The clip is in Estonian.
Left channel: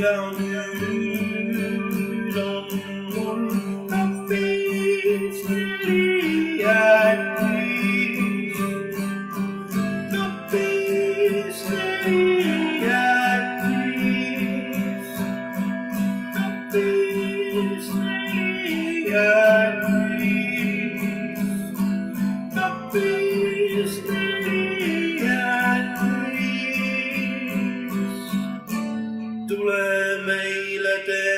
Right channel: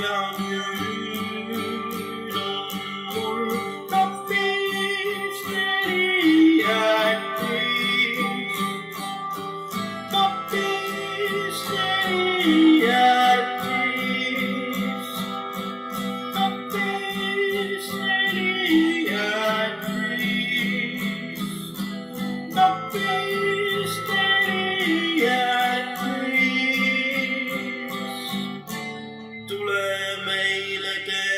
ja nüüd on mul kapis 4 jäätist. Kapis 4 jäätist. Kapis 4 jäätist. Kapis 4 jäätist. Tule meile tee.